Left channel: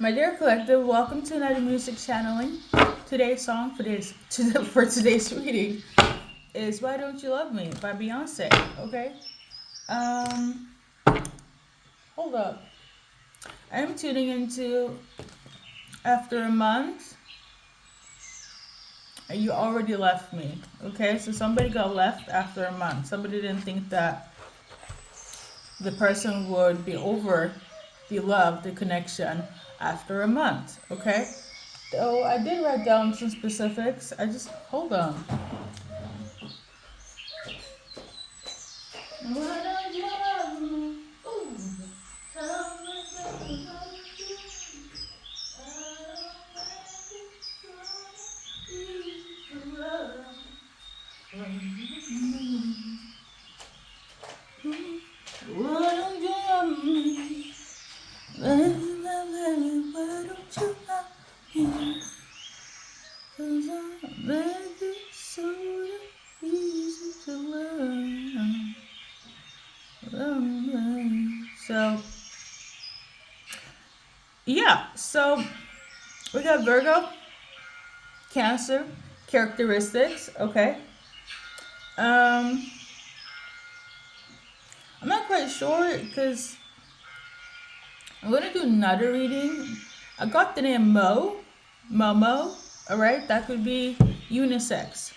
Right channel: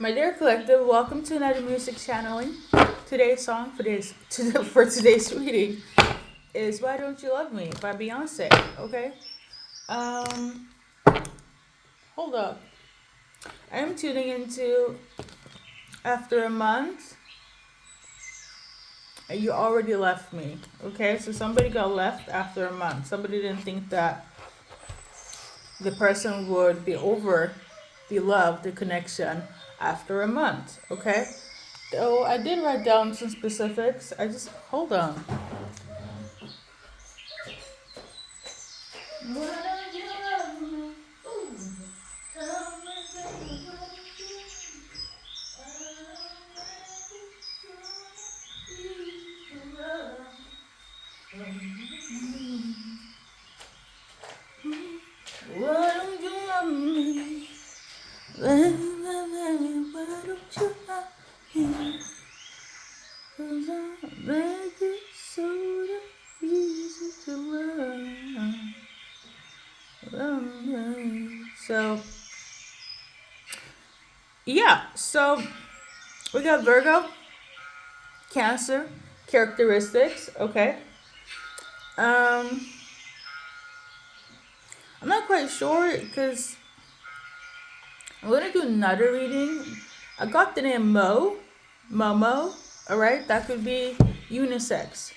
My dear collective, welcome to another music channeling. Today's song for today's reading is "Why Don't You Love Me" by Beyonce. Okay. Um, hold up. I am tuning into after a month. You already left me. Okay, so somebody got left after a month. Somebody didn't think that the person would be loved, the connection after a month. Okay. So I did write down some specifics. I just hold on. Why don't you love me? Ooh, tell me, baby, why don't you? Why don't you love me? Why don't you love me? 'Cause I make it so easy to love me. So yeah, so we got Virgo, Cancer, characteristics. Okay. Um, I'm not quite sure because I'm gonna do another reading. I got the name Momo. All right, that could be unisex,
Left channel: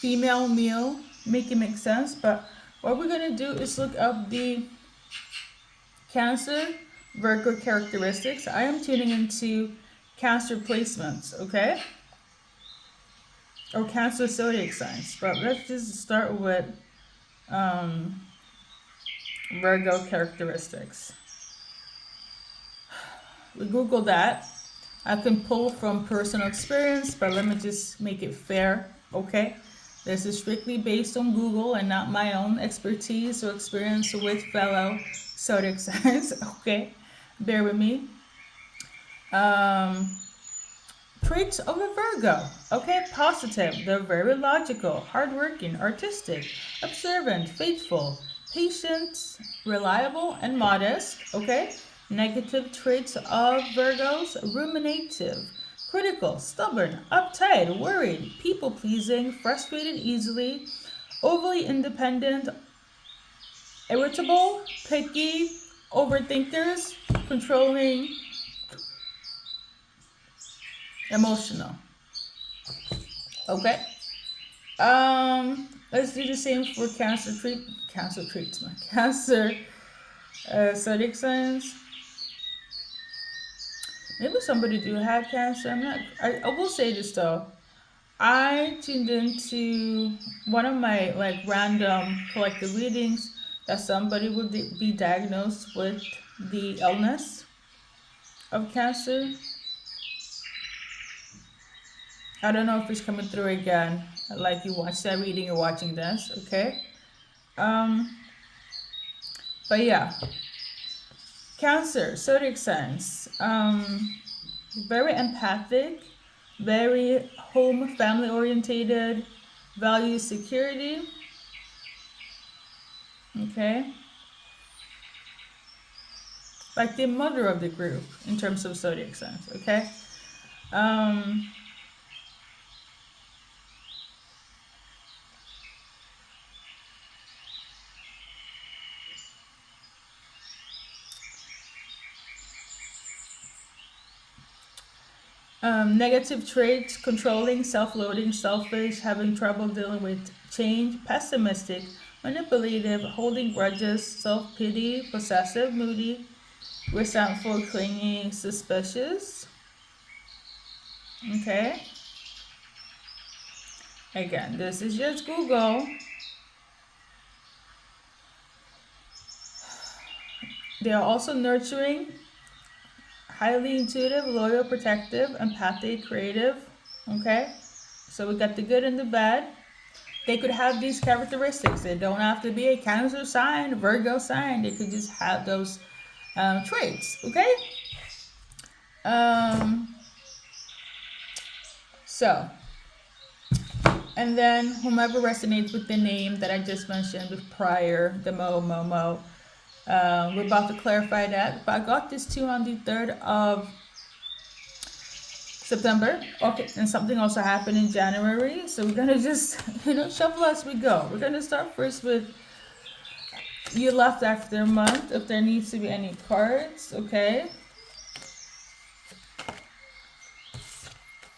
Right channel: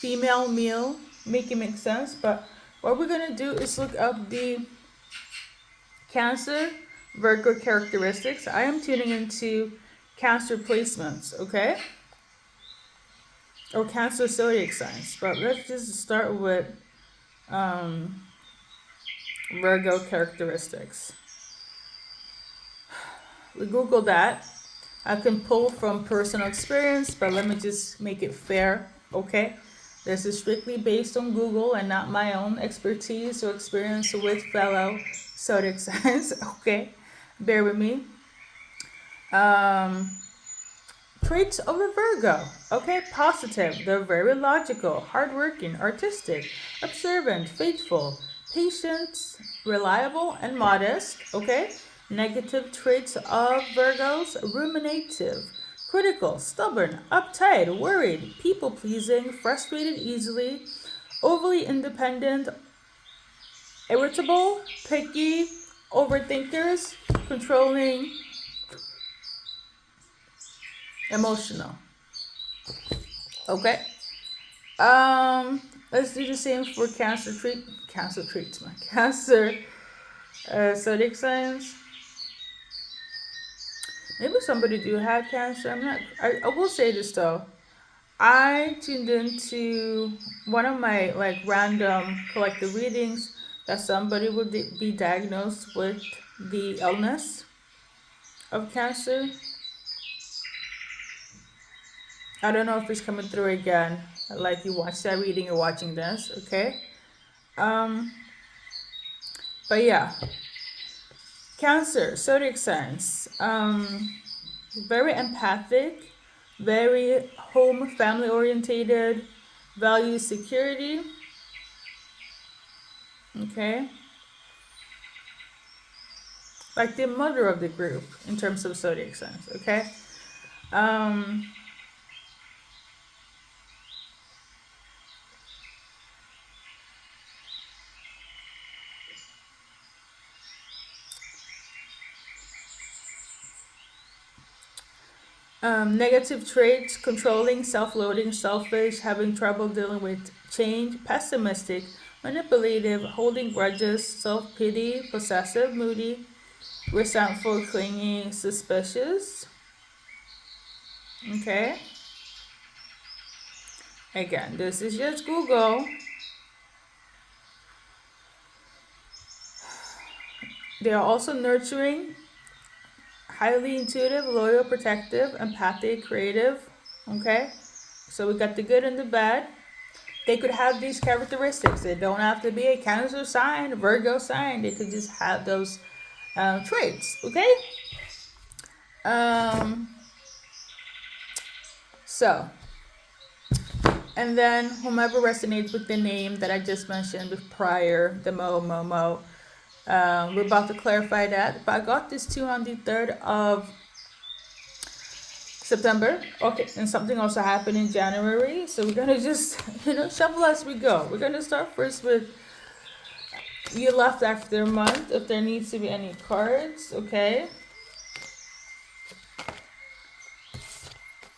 female, male, make it make sense. But what we're gonna do is look up the Cancer, Virgo characteristics. I am tuning into Cancer placements. Okay, or Cancer zodiac signs. But let's just start with um, Virgo characteristics. We Google that. I can pull from personal experience, but let me just make it fair, okay? This is strictly based on Google and not my own expertise or experience with fellow zodiac signs, okay? Bear with me. Um, Traits of a Virgo, okay? Positive. They're very logical, hardworking, artistic, observant, faithful, patient, reliable, and modest, okay? Negative traits of Virgos: ruminative, critical, stubborn, uptight, worried, people pleasing, frustrated easily, overly independent, irritable, picky, overthinkers, controlling, emotional. Okay? Let's do the same for cancer treatment. Cancer zodiac signs. Maybe somebody do have cancer. I'm not. I will say this though. I tuned into one of my like random collective readings that somebody would be diagnosed with the illness of cancer. I don't know if it's coming through again. Like you watch that reading, you're watching this, okay? Um, but yeah, Cancer, zodiac signs. Very empathic, very home, family orientated, values security. Okay, like the mother of the group in terms of zodiac signs. Okay. Um, Negative traits: controlling, self-loathing, selfish, having trouble dealing with change, pessimistic, manipulative, holding grudges, self-pity, possessive, moody, resentful, clingy, suspicious. Okay. Again, this is just Google. They are also nurturing, highly intuitive, loyal, protective, empathic, creative. Okay. So we got the good and the bad. They could have these characteristics. They don't have to be a Cancer sign, a Virgo sign. They could just have those traits. Okay. Um, so, and then whomever resonates with the name that I just mentioned with prior, the Momo, we're about to clarify that. But I got this too on the 3rd of September. Okay, and something also happened in January. So we're gonna just shuffle as we go. We're gonna start first with you left after a month. If there needs to be any cards, okay.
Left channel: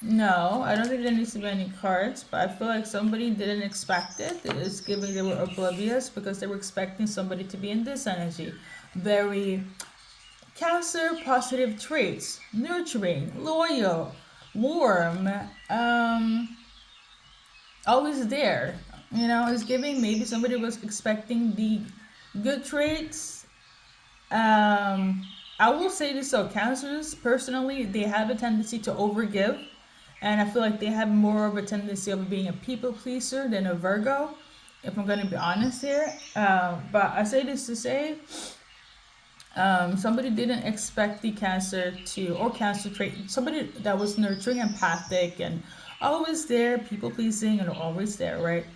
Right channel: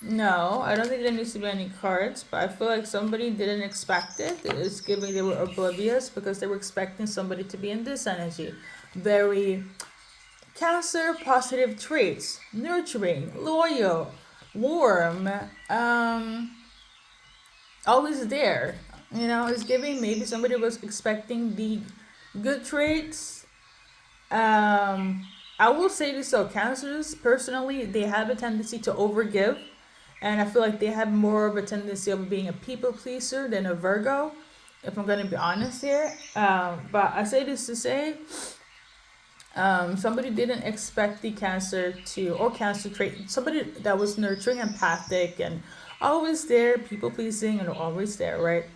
No, I don't think there needs to be any cards, but I feel like somebody didn't expect it. It's giving they were oblivious because they were expecting somebody to be in this energy. Very Cancer, positive traits, nurturing, loyal, warm, always there. It's giving maybe somebody was expecting the good traits. I will say this though, cancers personally they have a tendency to overgive, and I feel like they have more of a tendency of being a people pleaser than a Virgo. If I'm going to be honest here, but I say this to say, somebody didn't expect the cancer to or cancer trait. Somebody that was nurturing, empathic, and always there, people pleasing, and always there, right?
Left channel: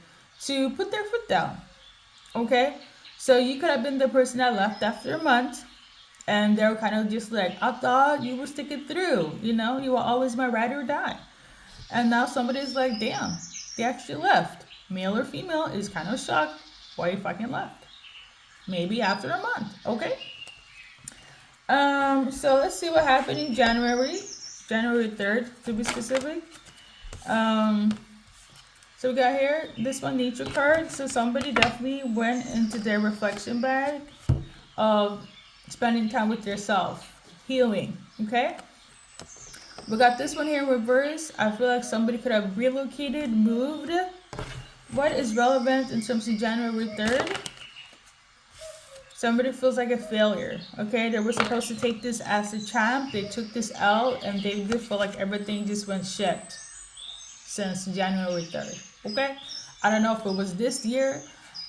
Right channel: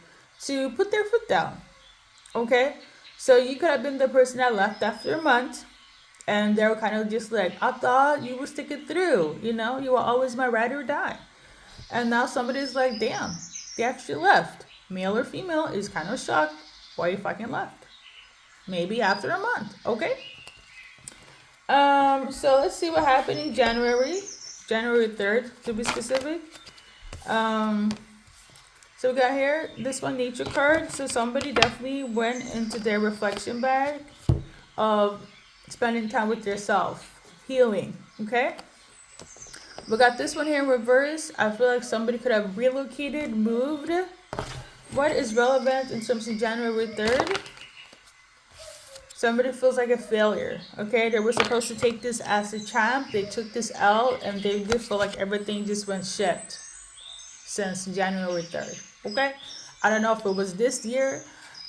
To put their foot down. Okay, so you could have been the person that left after a month, and they're kind of just like, I thought you were sticking through. You were always my ride or die, and now somebody's like, damn, they actually left. Male or female is kind of shocked why you fucking left. Maybe after a month. Okay. So let's see what happened in January 3rd to be specific. So we got here this one nature card. So somebody definitely went into their reflection bag of spending time with yourself, healing. Okay. We got this one here in reverse. I feel like somebody could have relocated, moved. What is relevant in terms of January 3rd? Somebody feels like a failure. Okay, they were supposed to take this as a champ. They took this out, and they just feel like everything just went shit since January 3rd. Okay, I don't know if it was this year,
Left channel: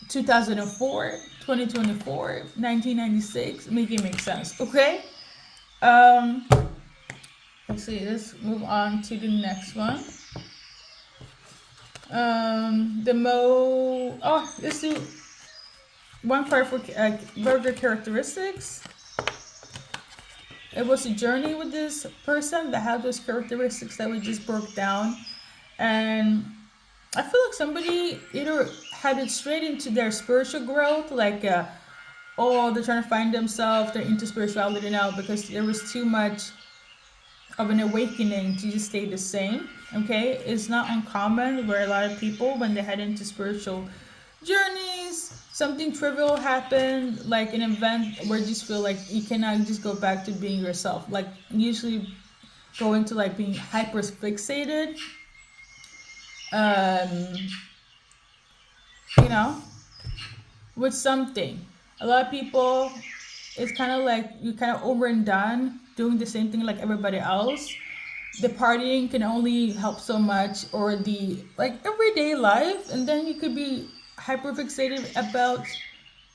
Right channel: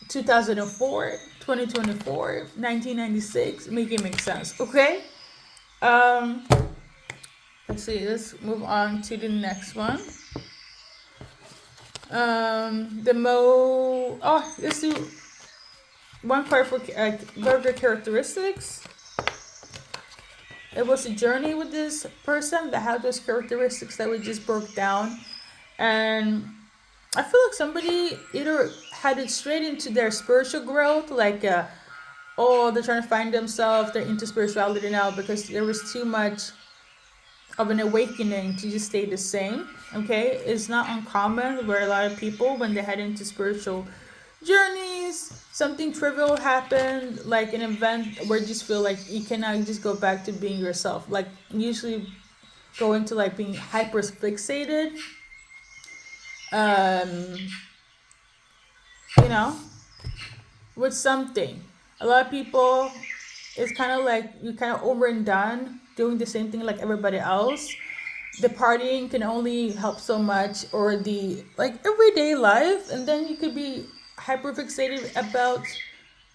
2004, 2024, 1996. Make it make sense. Okay. Let's see. Let's move on to the next one. Let's see. One card for burger characteristics. It was a journey with this person that had those characteristics that we just broke down. And I feel like somebody either had it straight into their spiritual growth, like, they're trying to find themselves, they're into spirituality now because there was too much of an awakening to just stay the same. Okay, it's not uncommon where a lot of people, when they head into spiritual journeys, something trivial happened, like an event where you just feel like you cannot just go back to being yourself. Like usually going to like being hyper fixated, with something. A lot of people, it's kind of like you're kind of over and done doing the same thing like everybody else. The partying can only help so much, or the like everyday life, and then you could be hyper fixated about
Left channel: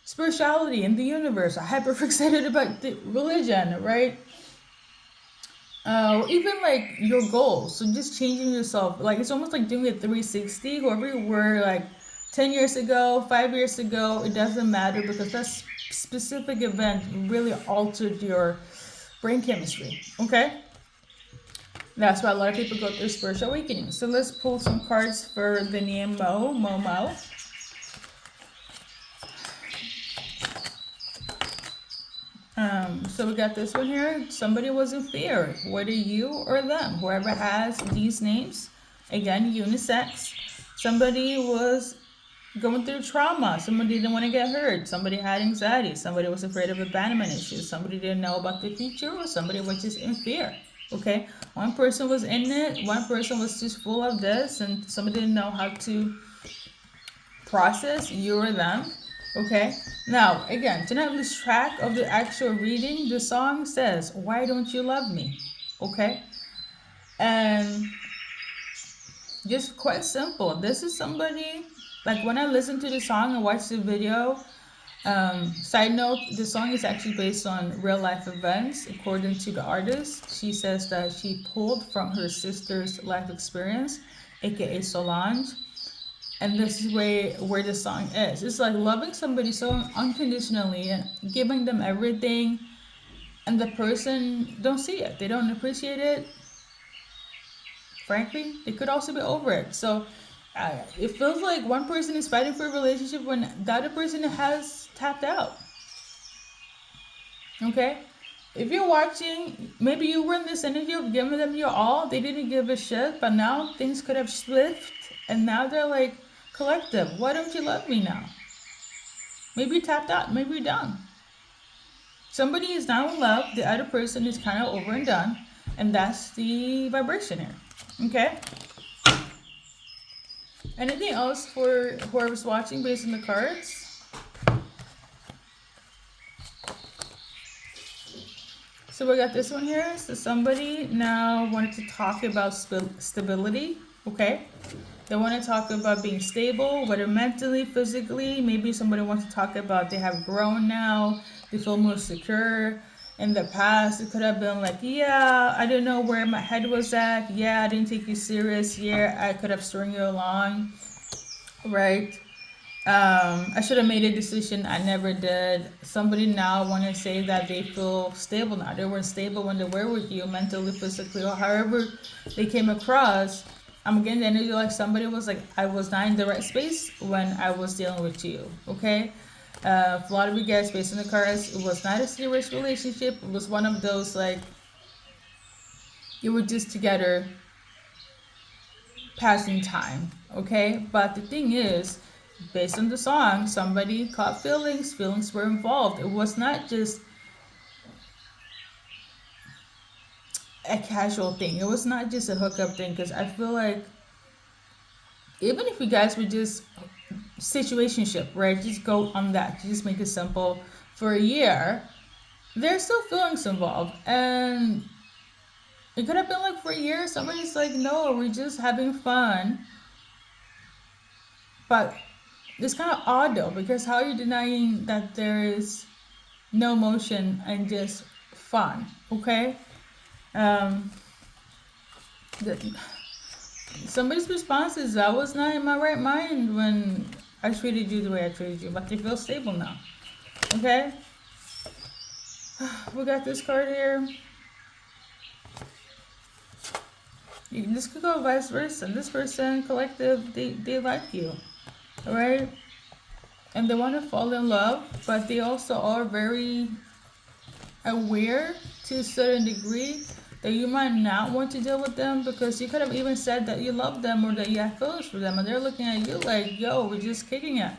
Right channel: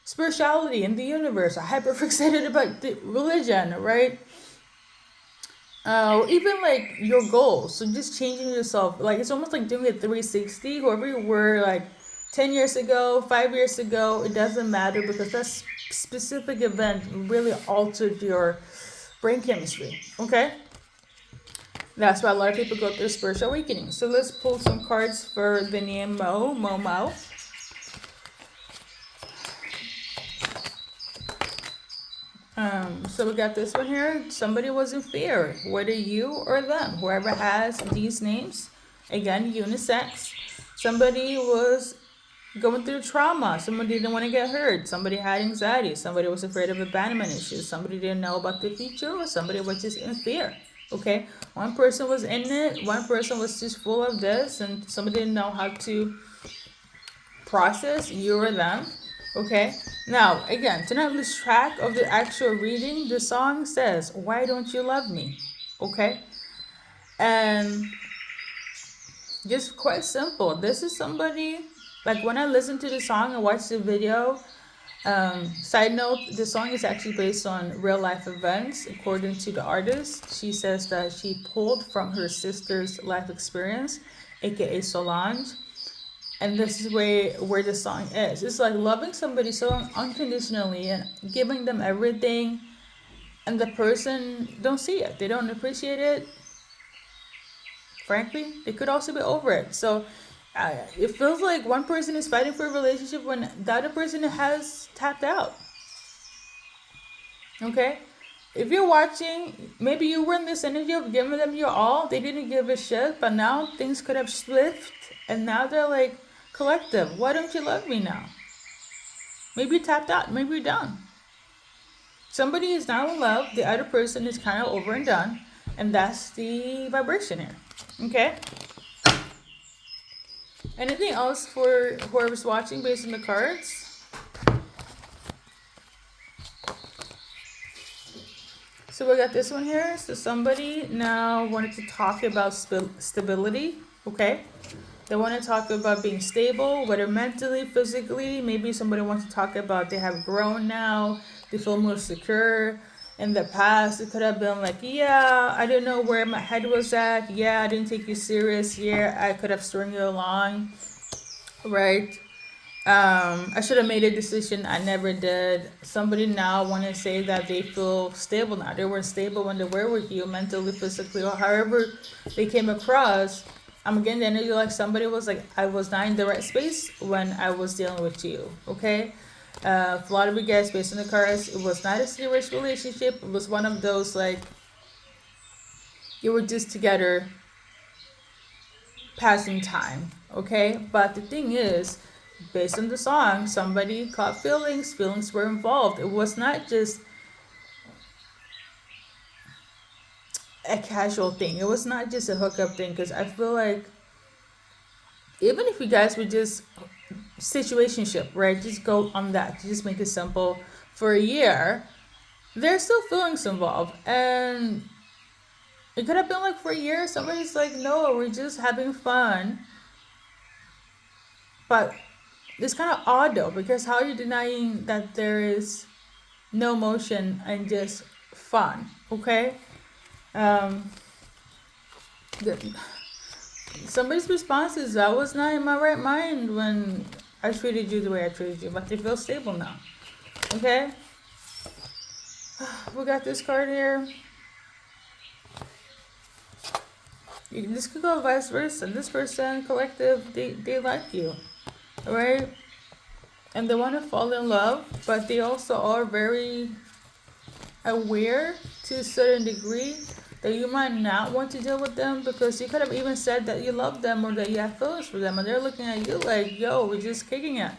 spirituality and the universe, hyper fixated about the religion, right? Even like your goals. So just changing yourself, like it's almost like doing a 360. Whoever you were like 10 years ago, 5 years ago, it doesn't matter because that specific event really altered your brain chemistry. Okay. That's why a lot of people go through spiritual awakening. So let's pull some cards for the name Momo. So we got this one here. Somebody was in fear, whether you or them, whoever has these names. Again, unisex. Somebody was going through trauma. Somebody didn't want to get hurt. Somebody had anxiety. Somebody was afraid of abandonment issues. Somebody didn't know about the future, or somebody was just in fear. Okay, one person was in it. One person was just full of this, and somebody didn't know how to process you or them. Okay, now again, to not lose track of the actual reading, the song says, "Why don't you love me?" Okay, and just quite simple. This is somebody, like when I listen to the song and watch the video. Side note, the song is actually based on real life events. According to the artist, she says that she pulled from her sister's life experience, aka Solange. And this is where the song is. It's like loving somebody so unconditionally and giving them everything, and the person don't see it. They don't appreciate it. frankly, they could also be over it. So it feels like one person is fighting for a relationship when the other person has tapped out. Okay? If you're watching, maybe you were in this energy of giving them your all. They didn't give a shit, but now things could have slipped, and now they're like, collective, why don't you love me now? Maybe you tapped out, maybe you're done. Somebody is now in love, the other person is kind of over and done, and that's the vibration here. Okay? Anything else for whoever's watching based on the cards? So we got this one here. So somebody now wanted to talk about stability. Okay? They want to talk about being stable, whether mentally, physically. Maybe somebody wants to talk about they have grown now, they feel more secure. In the past, it could have been like, yeah, I didn't know where my head was at. Yeah, I didn't take you serious. Yeah, I could have string you along. Right? I should have made a decision. I never did. Somebody now want to say that they feel stable now. They weren't stable when they were with you, mentally, physically, or however they came across. I'm getting the energy like somebody was like, I was not in the right space when I was dealing with you. Okay? A lot of you guys, based on the cards, it was not a serious relationship. It was one of those like, you were just together passing time. Okay? But the thing is, based on the song, somebody caught feelings. Feelings were involved. It was not just a casual thing. It was not just a hookup thing. Because I feel like even if you guys would just situationship, right? Just go on that. Just make it simple. For a year, there's still feelings involved, and it could have been like for a year. Somebody's like, no, we're just having fun, but it's kind of odd though, because how are you denying that there is no emotion and just fun? Okay. Um, somebody's response is, I was not in my right mind when I treated you the way I treated you, but they feel stable now. Okay. We got this card here. This could go vice versa. This person, collective, they like you. Right? And they want to fall in love, but they also are very aware to a certain degree that you might not want to deal with them, because you could have even said that you love them or that you have feelings for them, and they're looking at you like, yo, we're just kicking it.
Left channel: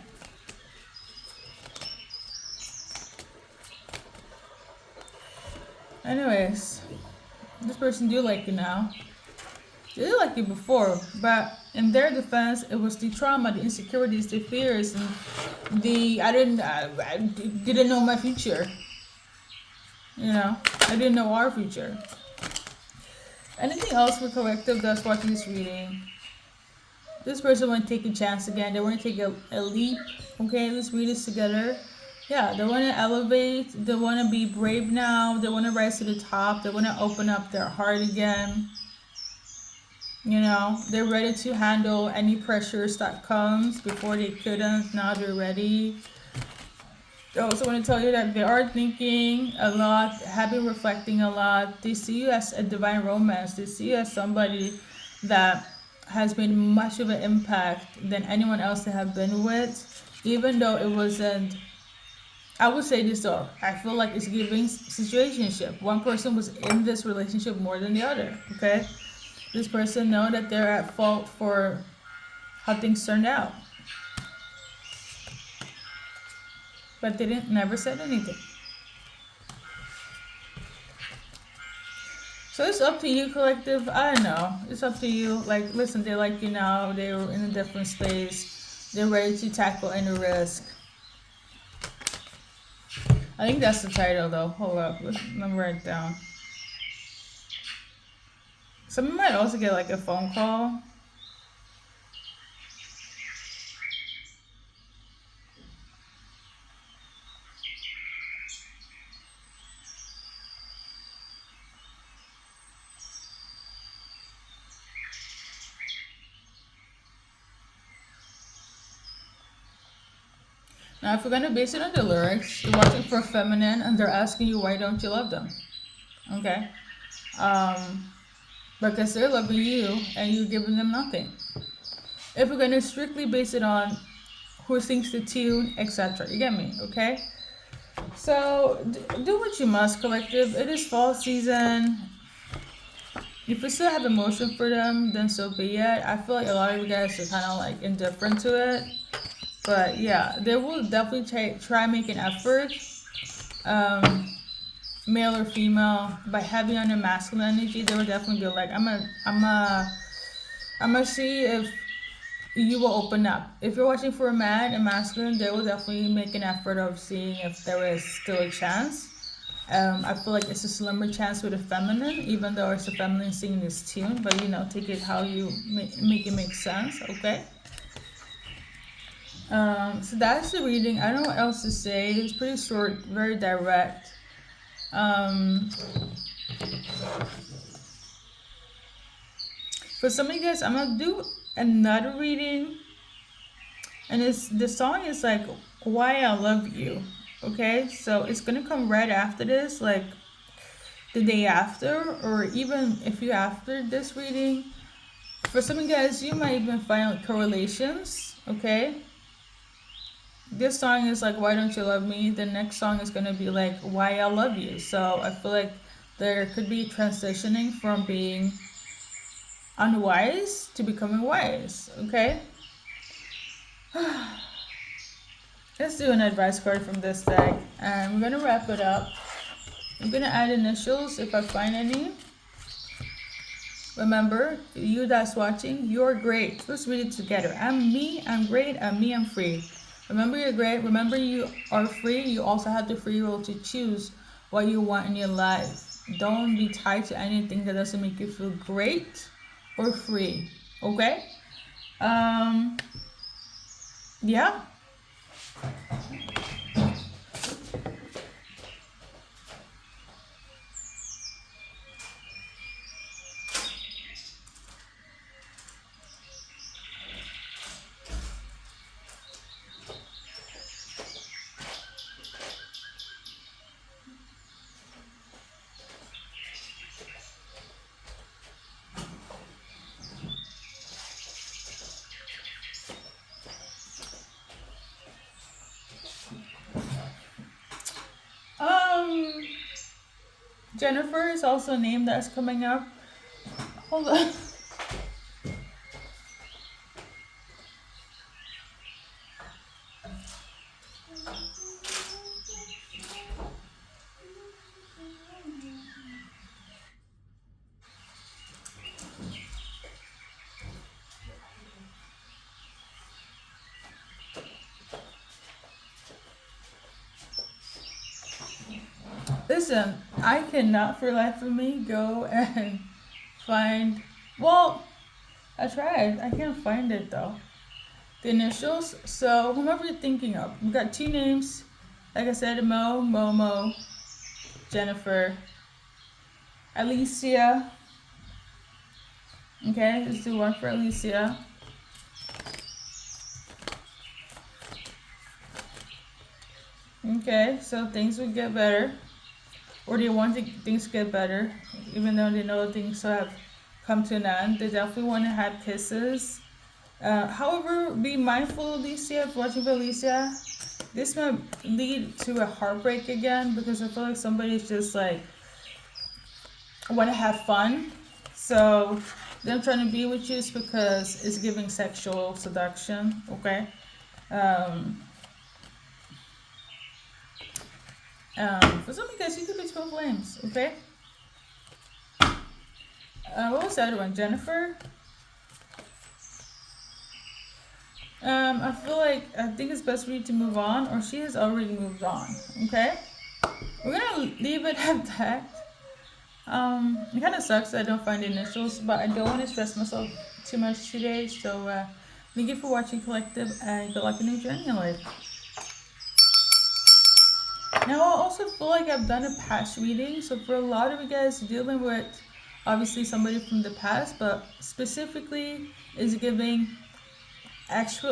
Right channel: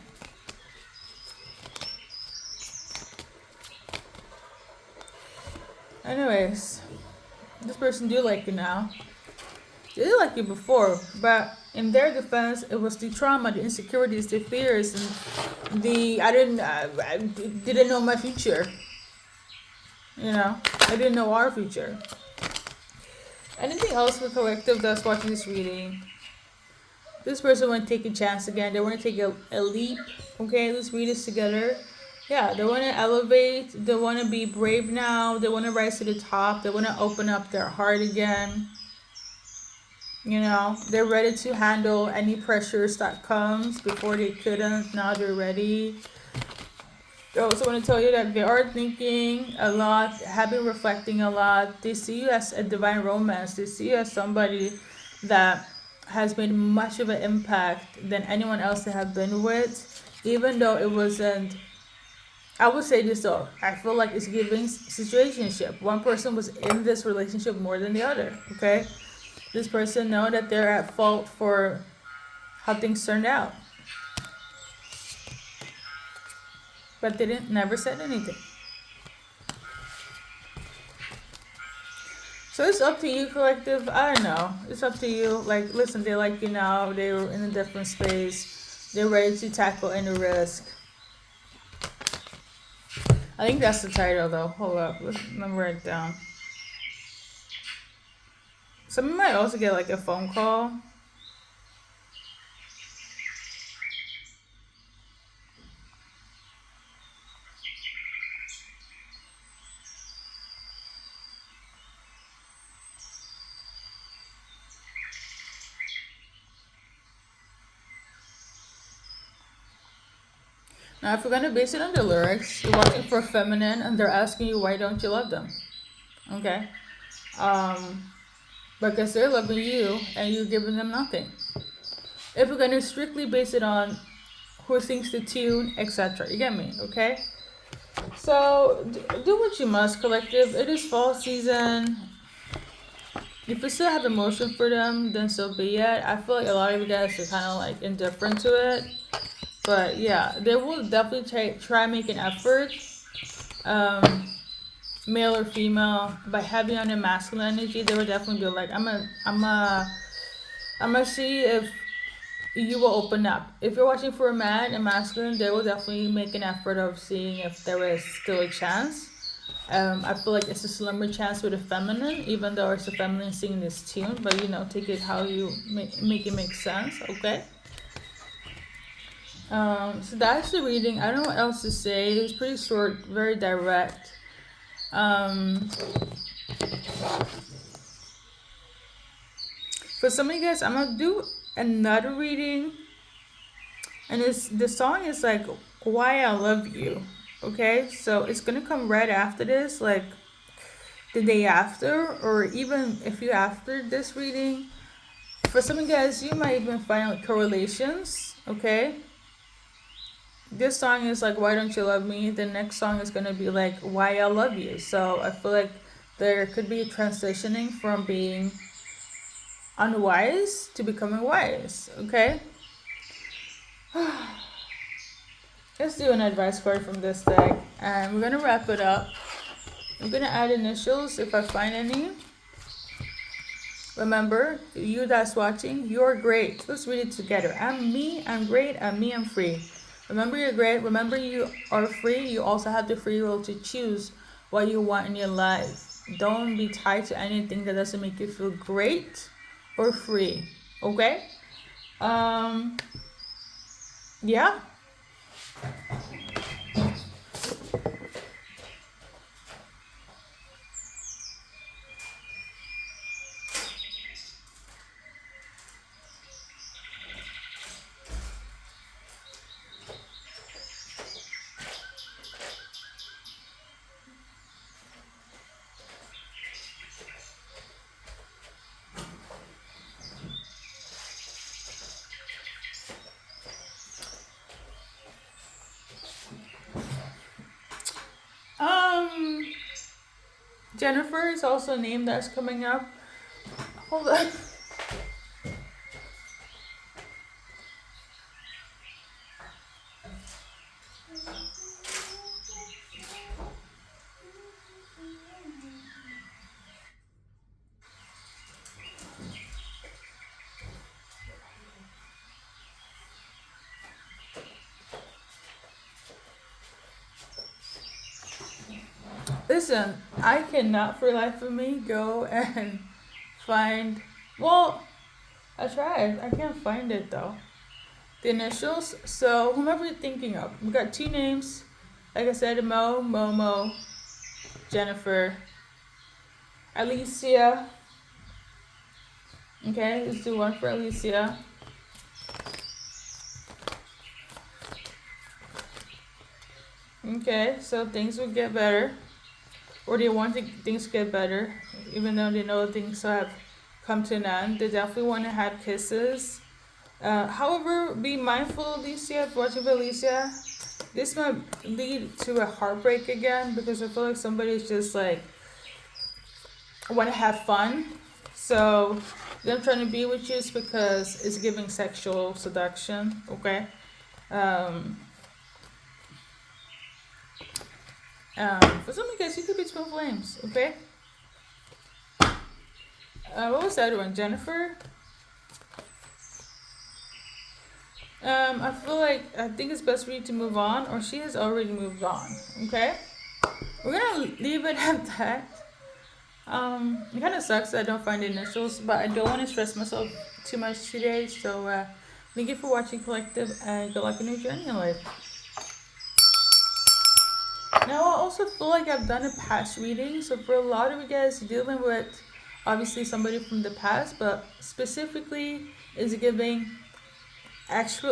Anyways, this person do like you now. They did like you before, but in their defense, it was the trauma, the insecurities, the fears, and I didn't know my future. You know, I didn't know our future. Anything else for collective that's watching this reading? This person want to take a chance again. They want to take a leap. Okay, let's read this together. Yeah, they want to elevate. They want to be brave now. They want to rise to the top. They want to open up their heart again. You know, they're ready to handle any pressures that comes. Before they couldn't, now they're ready. I also want to tell you that they are thinking a lot, have been reflecting a lot. They see you as a divine romance. They see you as somebody that has made much of an impact than anyone else they have been with. Even though it wasn't, I would say this though, I feel like it's giving situationship. One person was in this relationship more than the other, okay? This person know that they're at fault for how things turned out. But they never said anything. So it's up to you, collective. I don't know. It's up to you. Like, listen, they like you now. They're in a different space. They're ready to tackle any risk. I think that's the title, though. Hold up. Let me write it down. Someone might also get, like, a phone call. Now, if we're going to base it on the lyrics, you're watching for feminine, and they're asking you, why don't you love them? Okay? because they're loving you and you're giving them nothing. If we're gonna strictly base it on who sings the tune, etc., you get me, okay? So do what you must, collective. It is fall season. If you still have emotion for them, then so be it. I feel like a lot of you guys are kind of like indifferent to it, but yeah, they will definitely try make an effort, um, male or female, by having on their masculine energy. They will definitely be like, I'm gonna see if you will open up. If you're watching for a man and masculine, they will definitely make an effort of seeing if there is still a chance. I feel like it's a slimmer chance with a feminine, even though it's a feminine singing this tune. But take it how you make it make sense. Okay. So that's the reading. I don't know what else to say. It's pretty short, very direct. Um, for some of you guys, I'm gonna do another reading, and the song is like "Why I Love You." Okay, so it's gonna come right after this, like the day after, or even if you after this reading. For some of you guys, you might even find like correlations. Okay, this song is like "Why Don't You Love Me." The next song is gonna be like "Why I Love You." So I feel like there could be transitioning from being unwise to becoming wise. Okay, let's do an advice card from this deck, and we're gonna wrap it up. I'm gonna add initials if I find any. Remember, you that's watching, you're great. Let's read it together. I'm me, I'm great, I'm me, I'm free. Remember, you're great. Remember, you are free. You also have the free will to choose what you want in your life. Don't be tied to anything that doesn't make you feel great or free. Okay? Yeah. Um, Jennifer is also a name that's coming up. Hold on. Listen, I cannot for the life of me go and find. Well, I tried. I can't find it though. The initials. So whomever you're thinking of, we got two names. Like I said, Mo, Momo, Jennifer, Alicia. Okay, let's do one for Alicia. Okay, so things will get better. Or they want things to get better, even though they know things have come to an end. They definitely want to have kisses. However, be mindful, Alicia, if watching for Alicia. This might lead to a heartbreak again because I feel like somebody's just like want to have fun. So them trying to be with you is because it's giving sexual seduction. Okay. Um, for some of you guys, you could be twin flames. Okay. What was the other one? Jennifer. I think it's best for you to move on, or she has already moved on. Okay, we're gonna leave it at that. It kind of sucks that I don't find the initials, but I don't want to stress myself too much today. So, thank you for watching, collective, and good luck in your journey in life. Now, I also feel like I've done a past reading, so for a lot of you guys dealing with obviously somebody from the past, but specifically is giving ex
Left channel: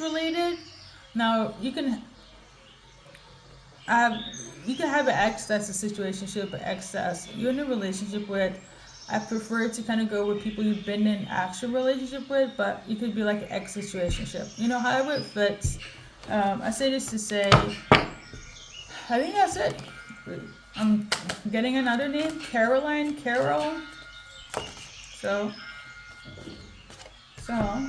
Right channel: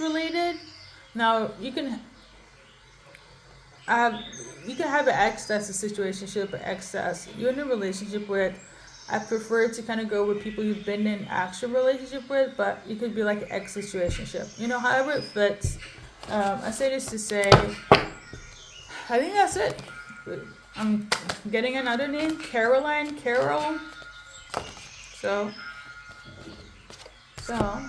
related. Now have you can have an ex that's a situationship, an ex that's you're in a relationship with, I prefer to kind of go with people you've been in actual relationship with, but it could be like an ex situationship. You know, however it fits. I say this to say, I think that's it. I'm getting another name, Caroline, Carol. So, so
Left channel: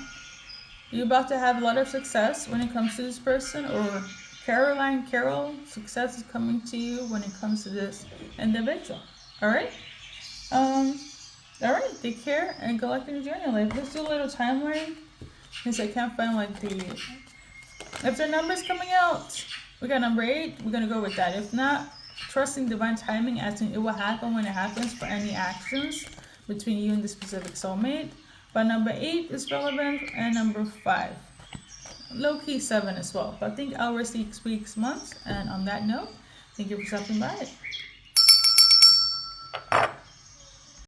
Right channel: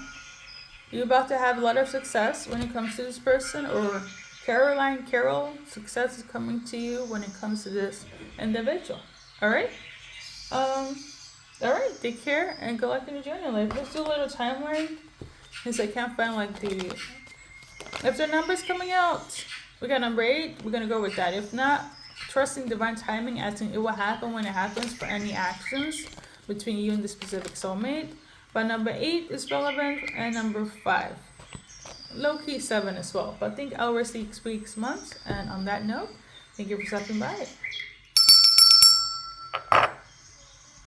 you about to have a lot of success when it comes to this person, or Caroline, Carol, success is coming to you when it comes to this individual. All right. Um. All right. Take care and good luck in your journey. Like, let's do a little timeline since I can't find like the if the number's coming out. We got number 8. We're gonna go with that. If not, trusting divine timing, as in it will happen when it happens for any actions between you and the specific soulmate. But number 8 is relevant, and number 5, low key 7 as well. But I think hours, weeks, months. And on that note, thank you for stopping by.